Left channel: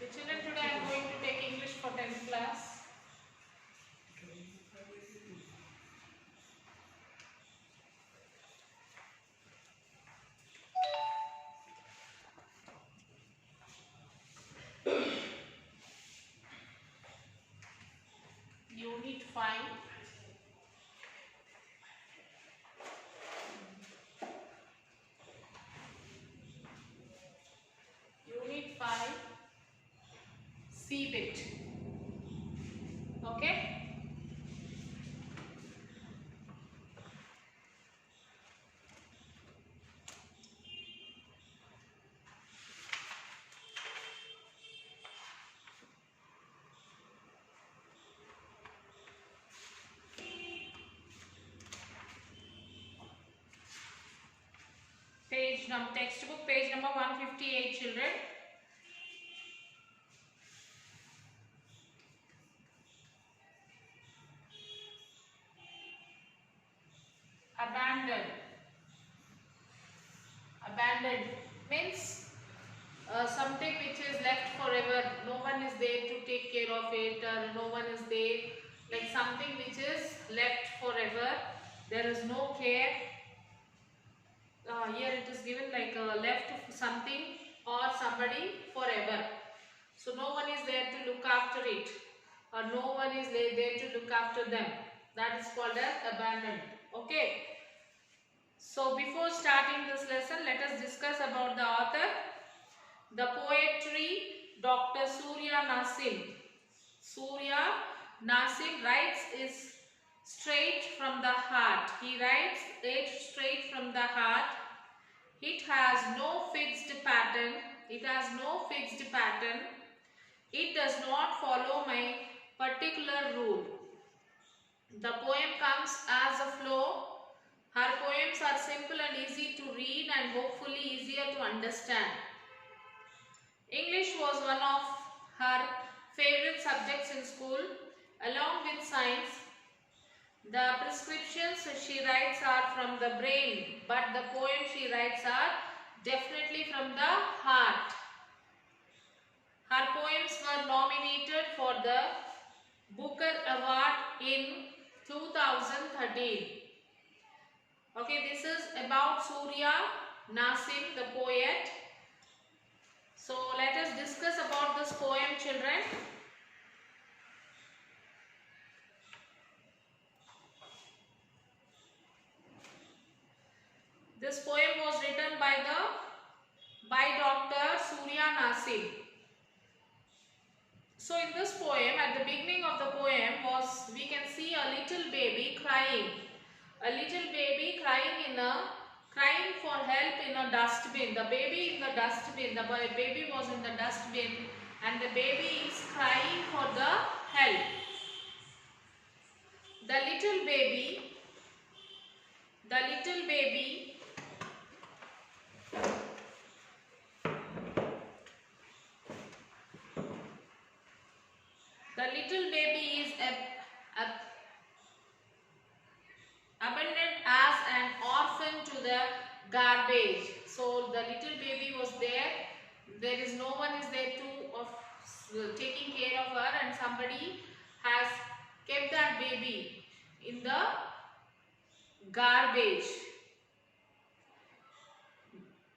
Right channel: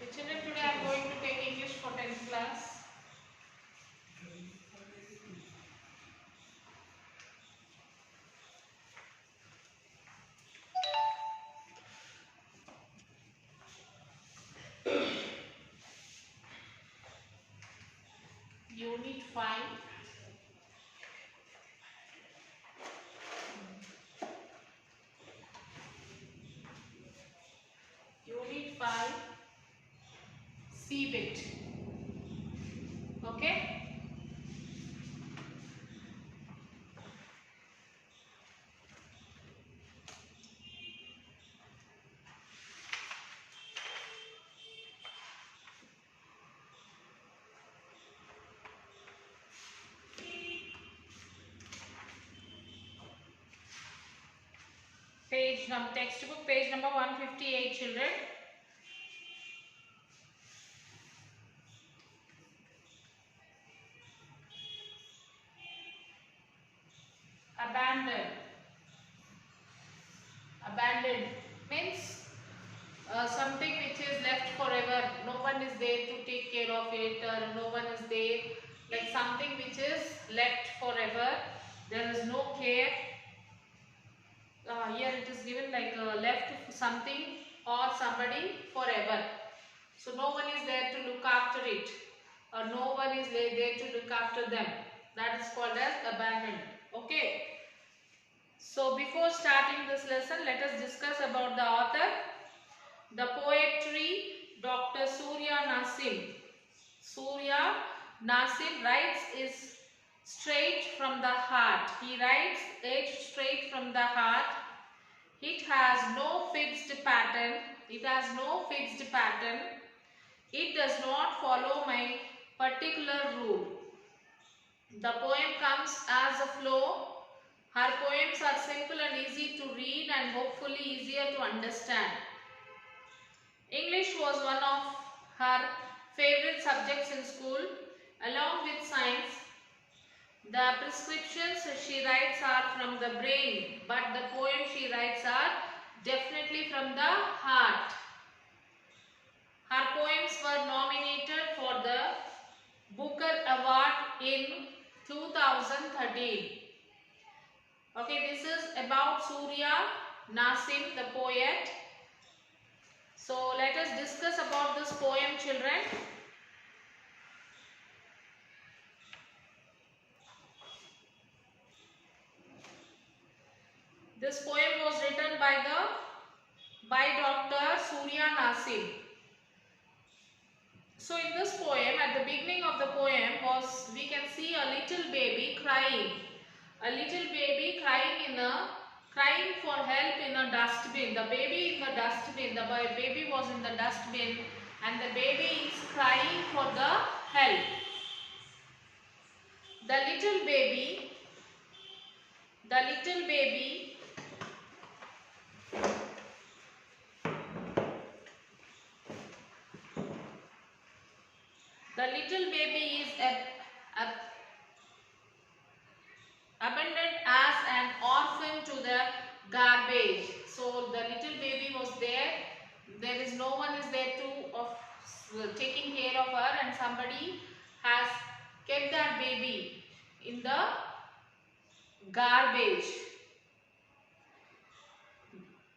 The children, today I am going to take English for 10th class. Unit 5. Unit 5. C bit. Okay. Textbook page number 158, children. Abandoned. Abandoned means something which is left forever. No one is there to take care of it, or no one is there. Like something which is left forever. There is no care. Here it is given like left something or somebody forever. So no one is there to look after it, or no one is there to look after them. That is called as abandoned. Okay. So before starting this lesson, let us discuss about the author. The poetry, Dr. Surya Nasim. Surya Nasim writes is straight from the heart. He writes it straight from the heart. It has no fixed pattern. It has no fixed pattern. It does not follow my particular rule. The poem comes as a flow. Her poems are simple and easy to read and hopefully easier to understand. English was one of her favorite subjects in school, along with science. The prescriptions she writes are from the brain, but the poems she writes are definitely from the heart. Her poems were nominated for the Booker Award in 2013. Okay, this is about Surya Nasim, the poet. So let us discuss about this poem, children. This poem was written by Dr. Surya Nasim. So in this poem, at the beginning of the poem we can see a little baby crying. A little baby crying for help in a dustbin. The baby in the dustbin, the baby was in the dustbin, and the baby is crying for the help. The little baby is abandoned as an orphan to the garbage. So the little baby was there. There is no one is there to taking care of her, and somebody has kept that baby in the garbage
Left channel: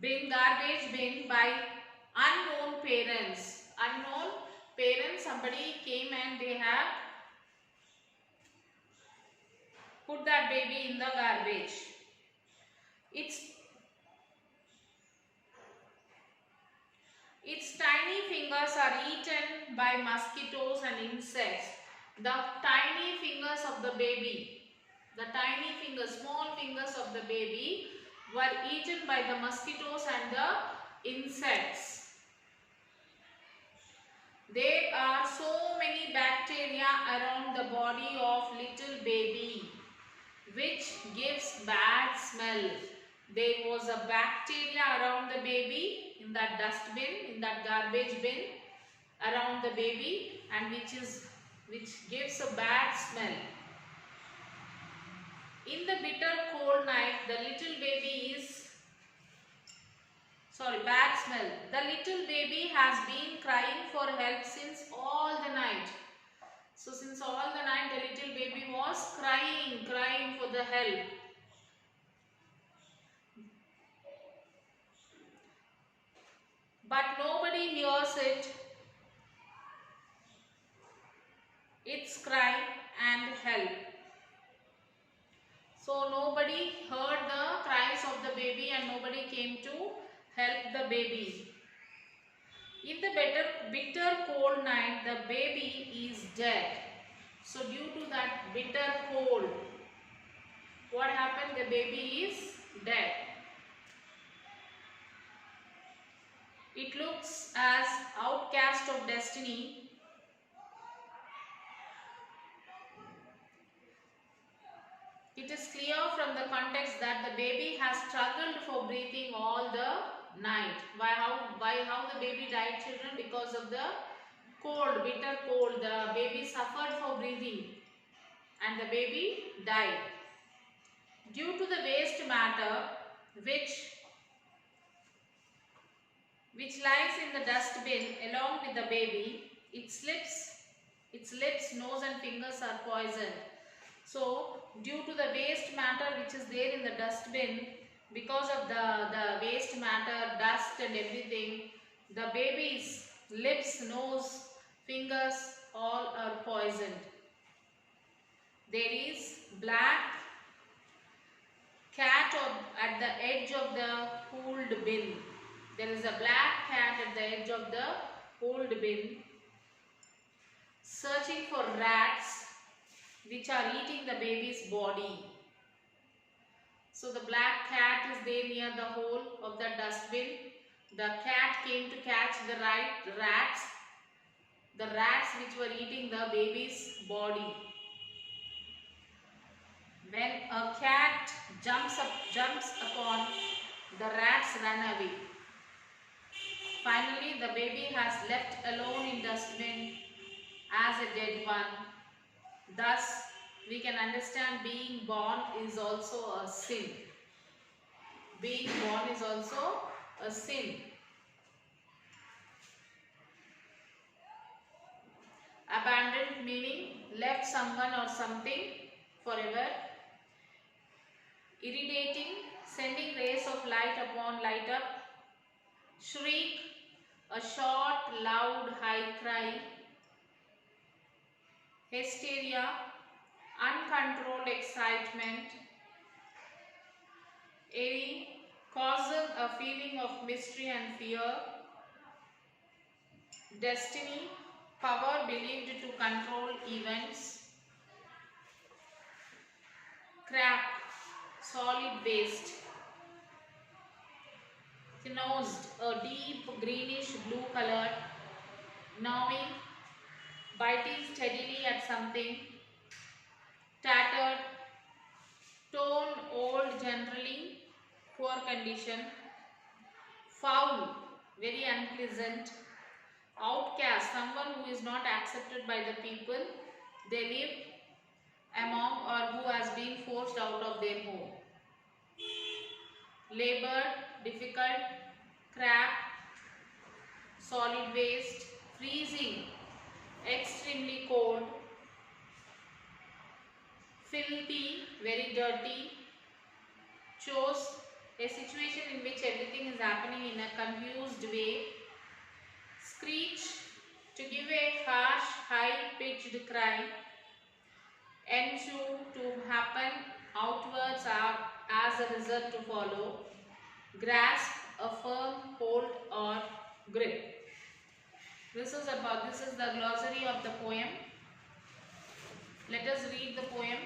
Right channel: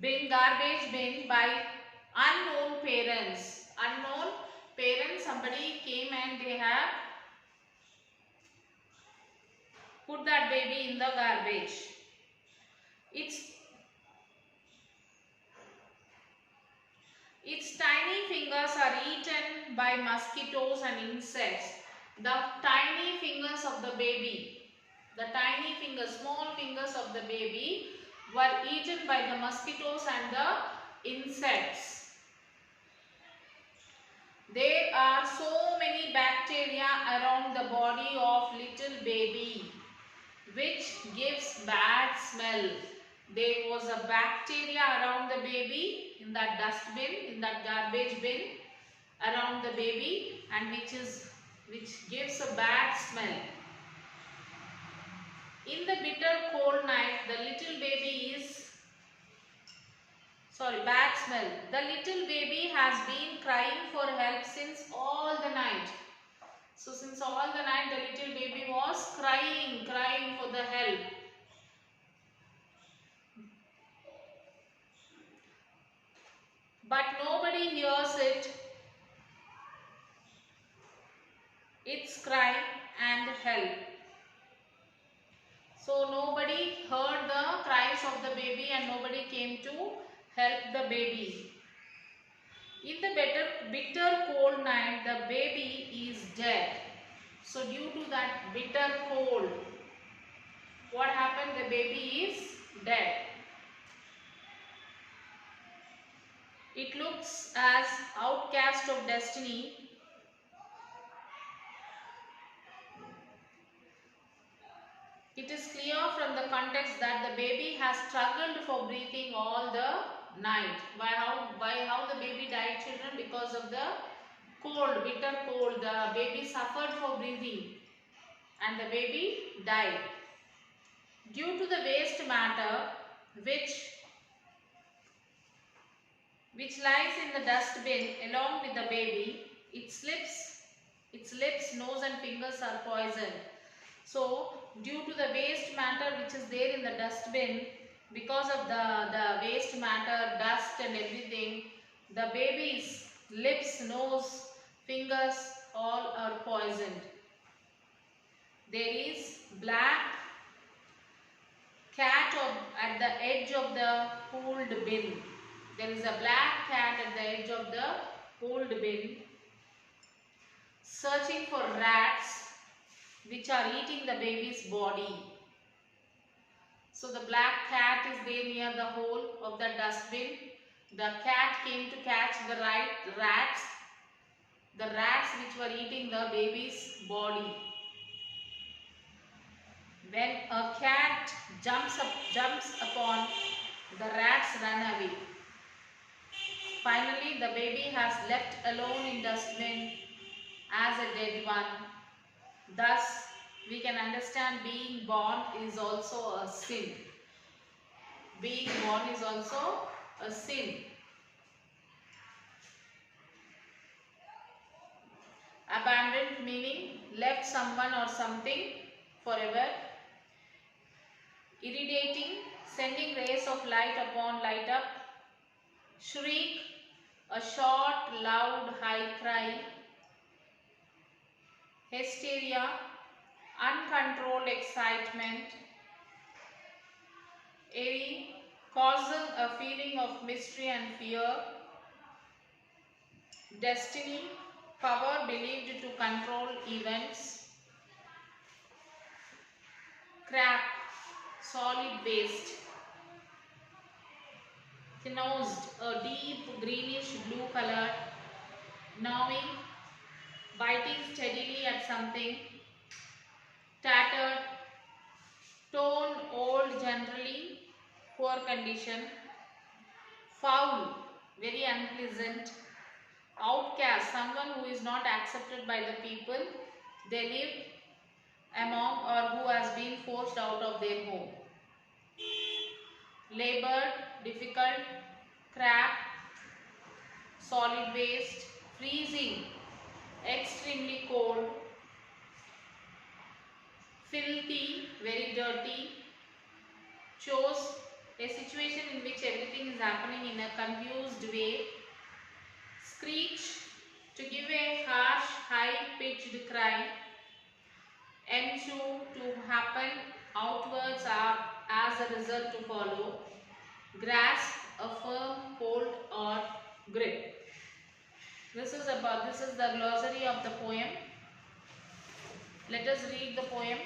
bin by unknown parents. Somebody came and they have put that baby in the garbage. Its tiny fingers are eaten by mosquitoes and insects. The tiny fingers of the baby, small fingers of the baby were eaten by the mosquitoes and the insects. There are so many bacteria around the body of little baby, which gives bad smell. There was a bacteria around the baby in that dustbin, in that garbage bin around the baby, and which gives a bad smell. In the bitter cold night, the little baby is Sorry, bad smell. The little baby has been crying for help since all the night. So since all the night the little baby was crying for the help. But nobody hears its cry and help. So nobody heard the cries of the baby and nobody came to help the baby. In the bitter cold night, the baby is dead. So due to that bitter cold, what happened? The baby is dead. It looks as outcast of destiny. It is clear from the context that the baby has struggled for breathing all the night. By how the baby died, children? Because of the cold, bitter cold. The baby suffered for breathing and the baby died. Due to the waste matter which lies in the dustbin along with the baby, its lips, nose and fingers are poisoned. So due to the waste matter which is there in the dustbin, because of the waste matter, dust and everything, the baby's lips, nose, fingers all are poisoned. There is black cat at the edge of the pooled bin. There is a black cat at the edge of the pooled bin searching for rats which are eating the baby's body. So the black cat is there near the hole of the dustbin. The cat came to catch the rats which were eating the baby's body. When a cat jumps upon, the rats run away. Finally, the baby has left alone in dustbin as a dead one. Thus, we can understand being born is also a sin. Being born is also a sin. Abandoned meaning left someone or something forever. Irradiating, sending rays of light upon light up. Shriek, a short, loud, high cry. Hysteria, uncontrolled excitement. Airy, causing a feeling of mystery and fear. Destiny, power believed to control events. Crap, solid waste. Nosed, a deep greenish blue color. Gnawing, biting steadily at something. Tattered, torn, old, generally poor condition. Foul, very unpleasant. Outcast, someone who is not accepted by the people they live among or who has been forced out of their home. Labored, difficult. Crap, solid waste. Freezing, extremely cold. Filthy, very dirty. Chose, a situation in which everything is happening in a confused way. Screech, to give a harsh, high-pitched cry. Ensue, to happen, outwards are as a result to follow. Grasp, a firm hold or grip. This is the glossary of the poem. Let us read the poem.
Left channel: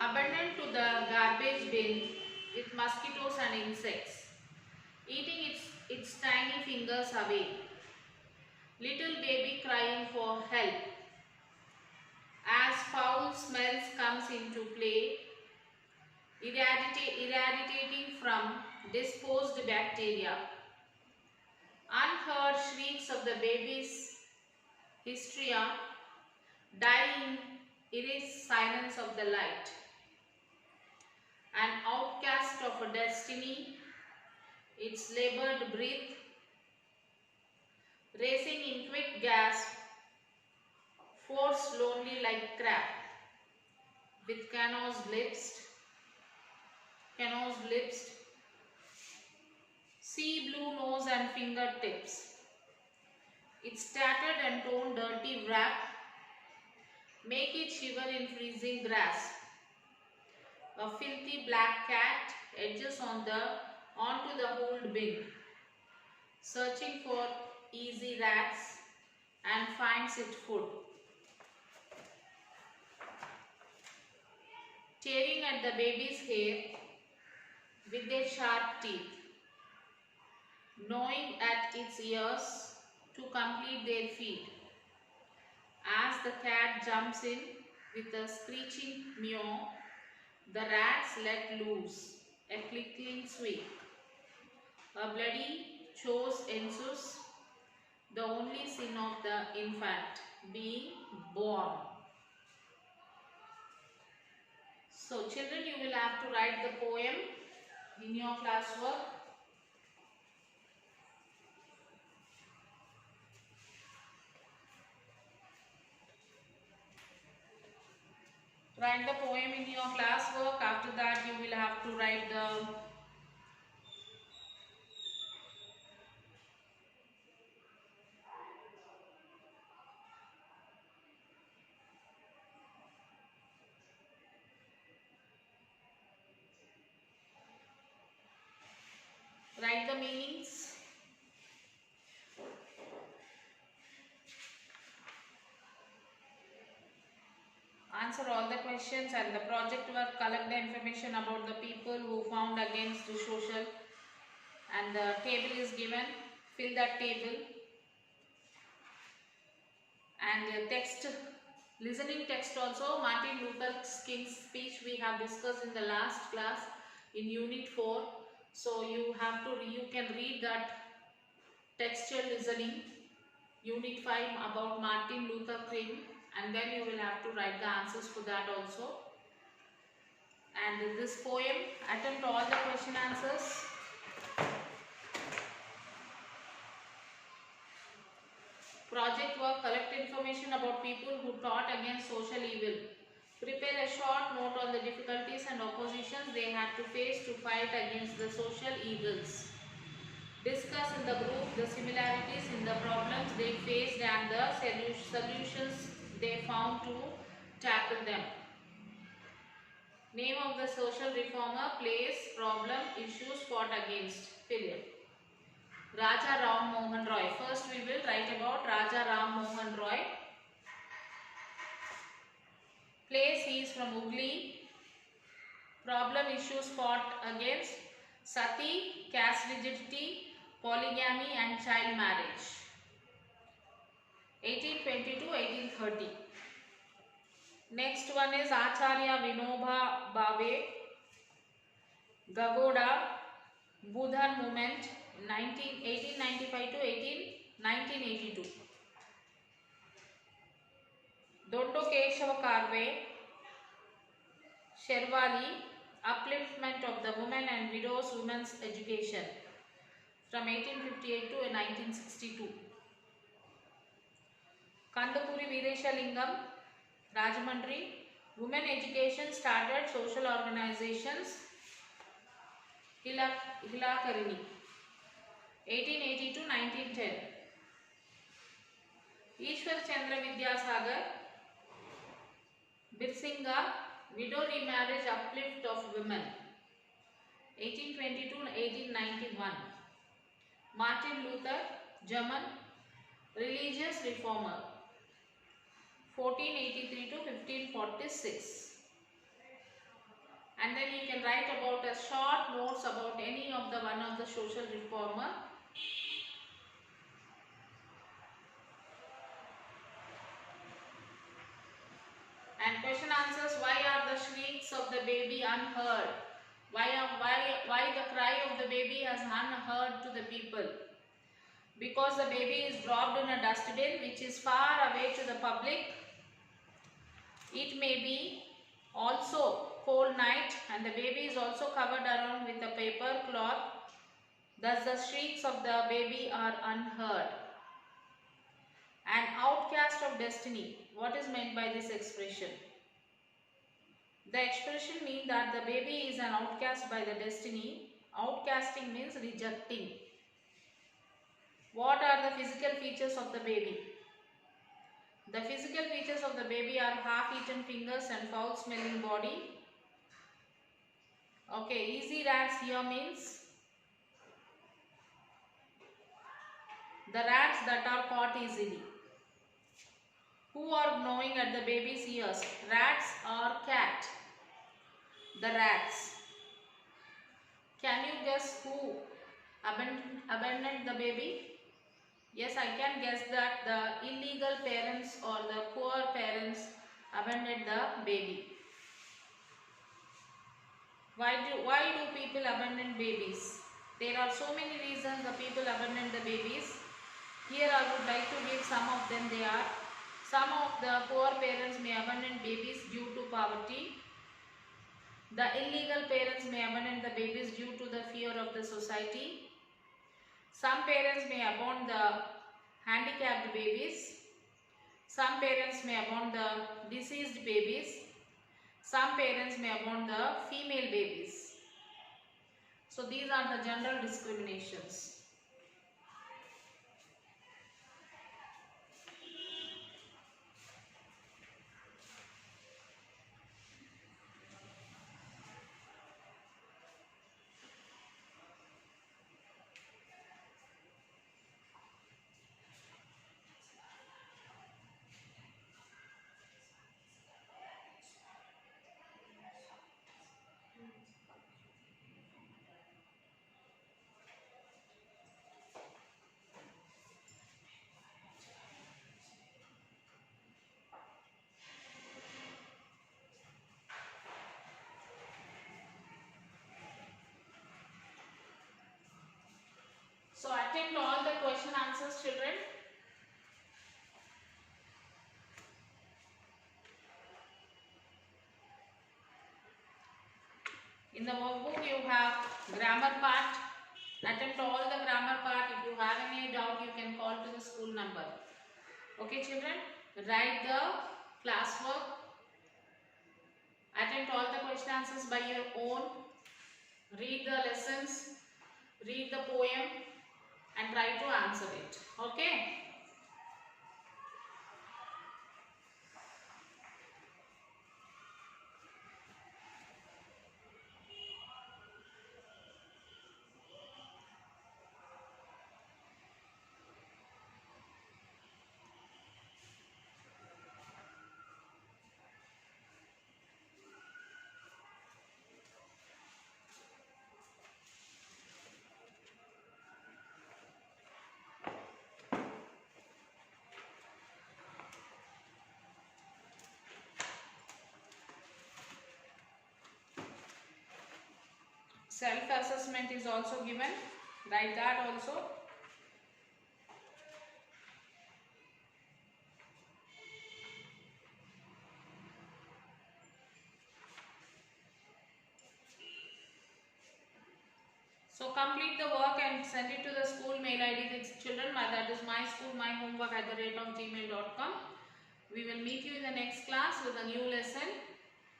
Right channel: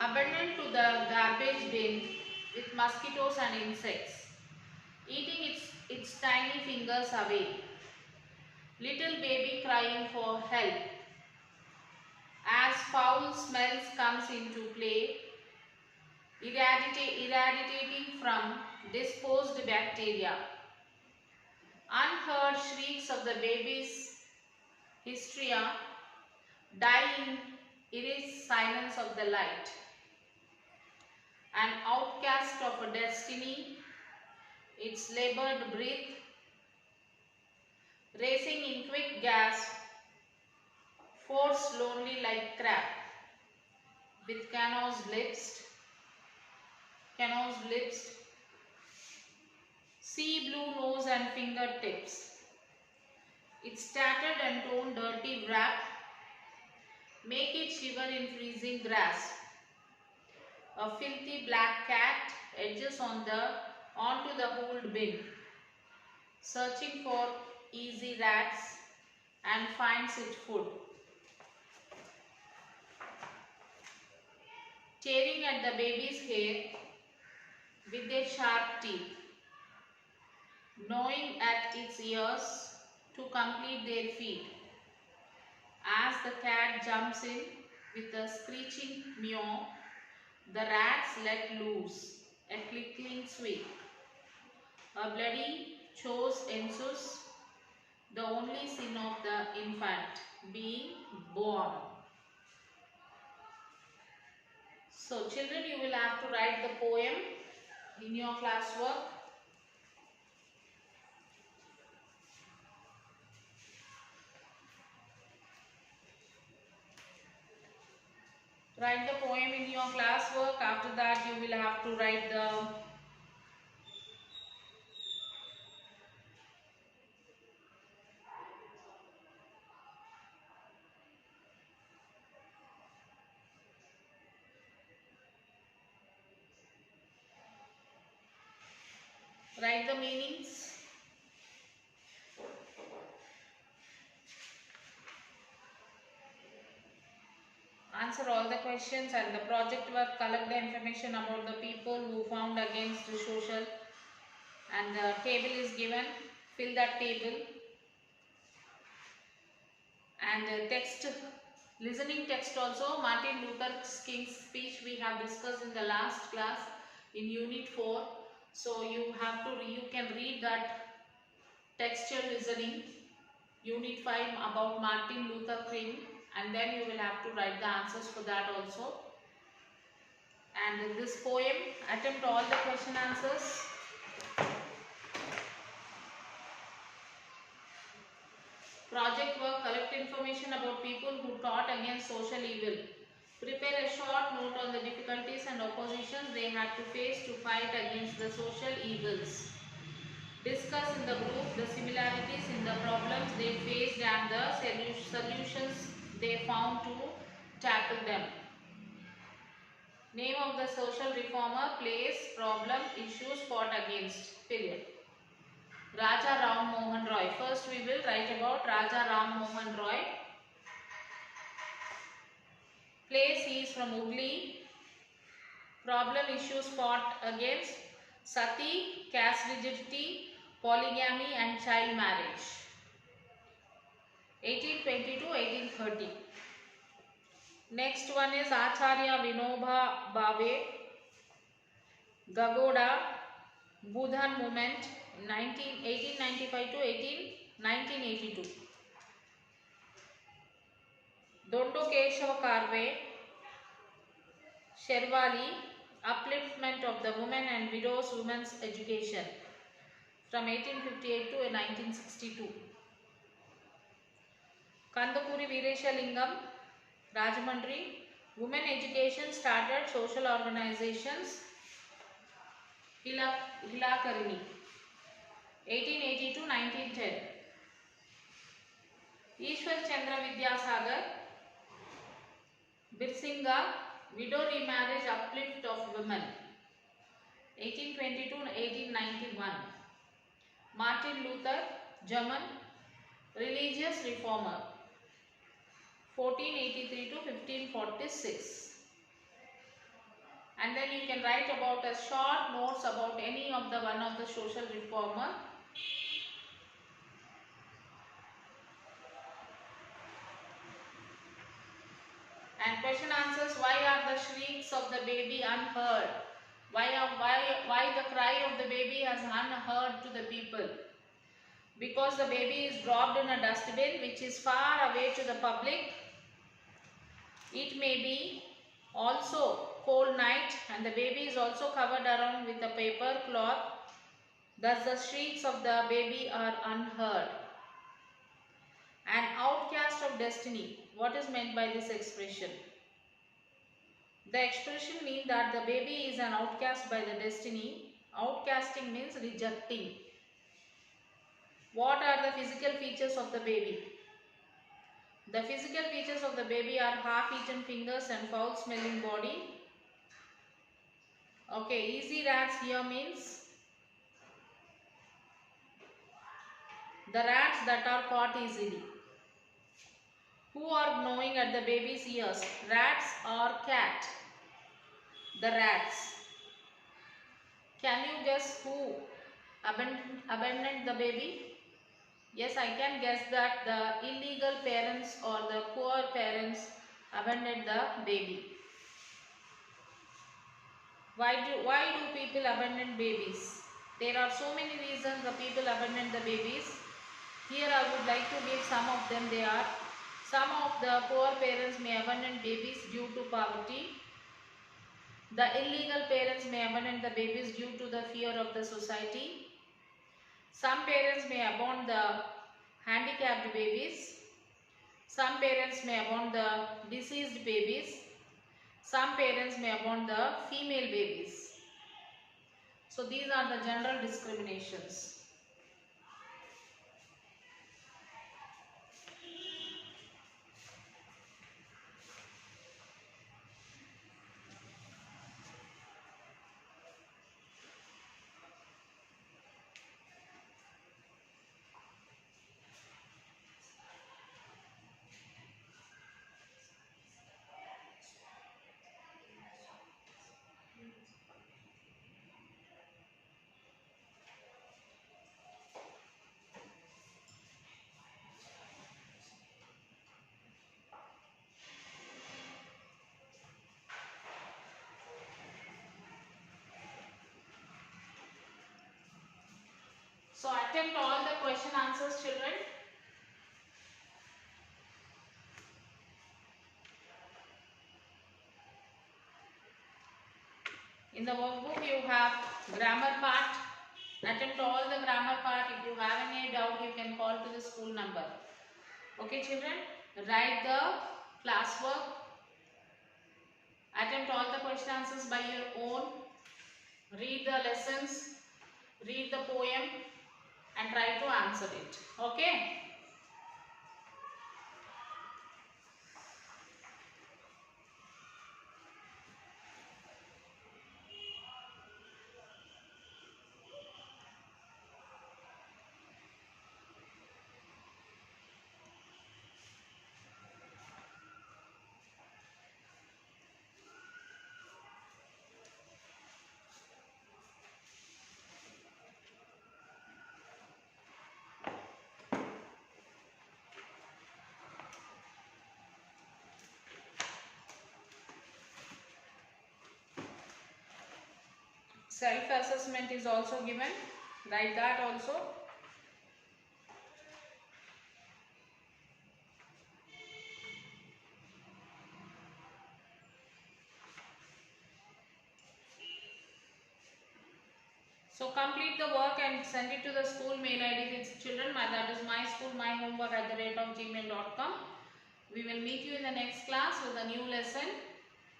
Abandoned to the garbage bin with mosquitoes and insects, eating its tiny fingers away. Little baby crying for help. As foul smells comes into play, irradiating from disposed bacteria. Unheard shrieks of the baby's hysteria, dying iris silence of the light. An outcast of a destiny, its labored breath, racing in quick gasp, force lonely like crab, with canoes lips, sea blue nose and fingertips, its tattered and torn dirty wrap, make it shiver in freezing grass. A filthy black cat edges onto the old bin, searching for easy rats and finds it food. Tearing at the baby's hair with their sharp teeth, gnawing at its ears to complete their feed. As the cat jumps in with a screeching meow, the rats let loose a clickling squeak. A bloody chose ensues, the only sin of the infant being born. So children, you will have to write the poem in your classwork. Write the poem in your classwork. After that you will have to write the meanings. Answer all the questions, and the project work, collect the information about the people who found against the social, and the table is given, fill that table. And text, listening text also, Martin Luther King's speech we have discussed in the last class in unit 4. So you can read that textual listening, unit 5 about Martin Luther King, and then you will have to write the answers for that also. And this poem, attempt all the question answers. Project work, collect information about people who taught against social evil. Prepare a short note on the difficulties and oppositions they had to face to fight against the social evils. Discuss in the group the similarities in the problems they faced and the solutions they found to tackle them. Name of the social reformer, place, problem, issues fought against, period. Raja Ram Mohan Roy. First we will write about Raja Ram Mohan Roy. Place, he is from Hooghly. Problem, issues fought against, sati, caste rigidity, polygamy and child marriage. 1820 to 1830. Next one is Acharya Vinoba Bhave, Gagoda, Budhan movement, 1895 to 1982. Dondo Keshava Karve, Sherwali, upliftment of the women and widows women's education, from 1858 to 1962. Kandapuri Veeresha Lingam, Rajamandri, women education started social organizations, Hilakarini, 1880 to 1910. Ishwar Chandra Vidyasagar, Birsinga, widow remarriage, uplift of women, 1820 to 1891. Martin Luther, German, religious reformer, 1483 to 1546. And then you can write about a short notes about any of the one of the social reformer. And question answers, why are the shrieks of the baby unheard? Why the cry of the baby is unheard to the people? Because the baby is dropped in a dustbin which is far away to the public. It may be also cold night and the baby is also covered around with a paper cloth. Thus the shrieks of the baby are unheard. An outcast of destiny. What is meant by this expression? The expression means that the baby is an outcast by the destiny. Outcasting means rejecting. What are the physical features of the baby? The physical features of the baby are half-eaten fingers and foul-smelling body. Okay, easy rats here means the rats that are caught easily. Who are gnawing at the baby's ears? Rats or cat? The rats. Can you guess who abandoned the baby? Yes, I can guess that the illegal parents or the poor parents abandoned the baby. Why do people abandon babies? There are so many reasons the people abandon the babies. Here I would like to give some of them. They are: some of the poor parents may abandon babies due to poverty. The illegal parents may abandon the babies due to the fear of the society. Some parents may abandon the handicapped babies. Some parents may abandon the deceased babies. Some parents may abandon the female babies. So these are the general discriminations. So attempt all the question answers, children. In the workbook you have grammar part. Attempt all the grammar part. If you have any doubt, you can call to the school number. Okay children, write the classwork. Attempt all the question answers by your own. Read the lessons, read the poem and try to answer it. Okay. Self-assessment is also given. Write that also. So complete the work and send it to the school mail ID with children. That is myschoolmyhomework@gmail.com. We will meet you in the next class with a new lesson.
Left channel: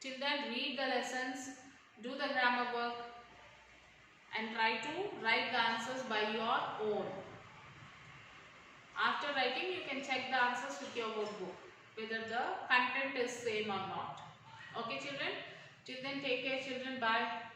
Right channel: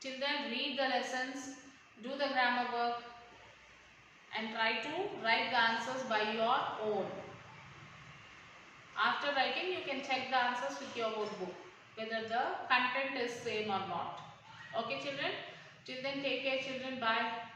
Till then, read the lessons, do the grammar work and try to write the answers by your own. After writing, you can check the answers with your workbook, whether the content is same or not. Okay children? Till then, take care children. Bye.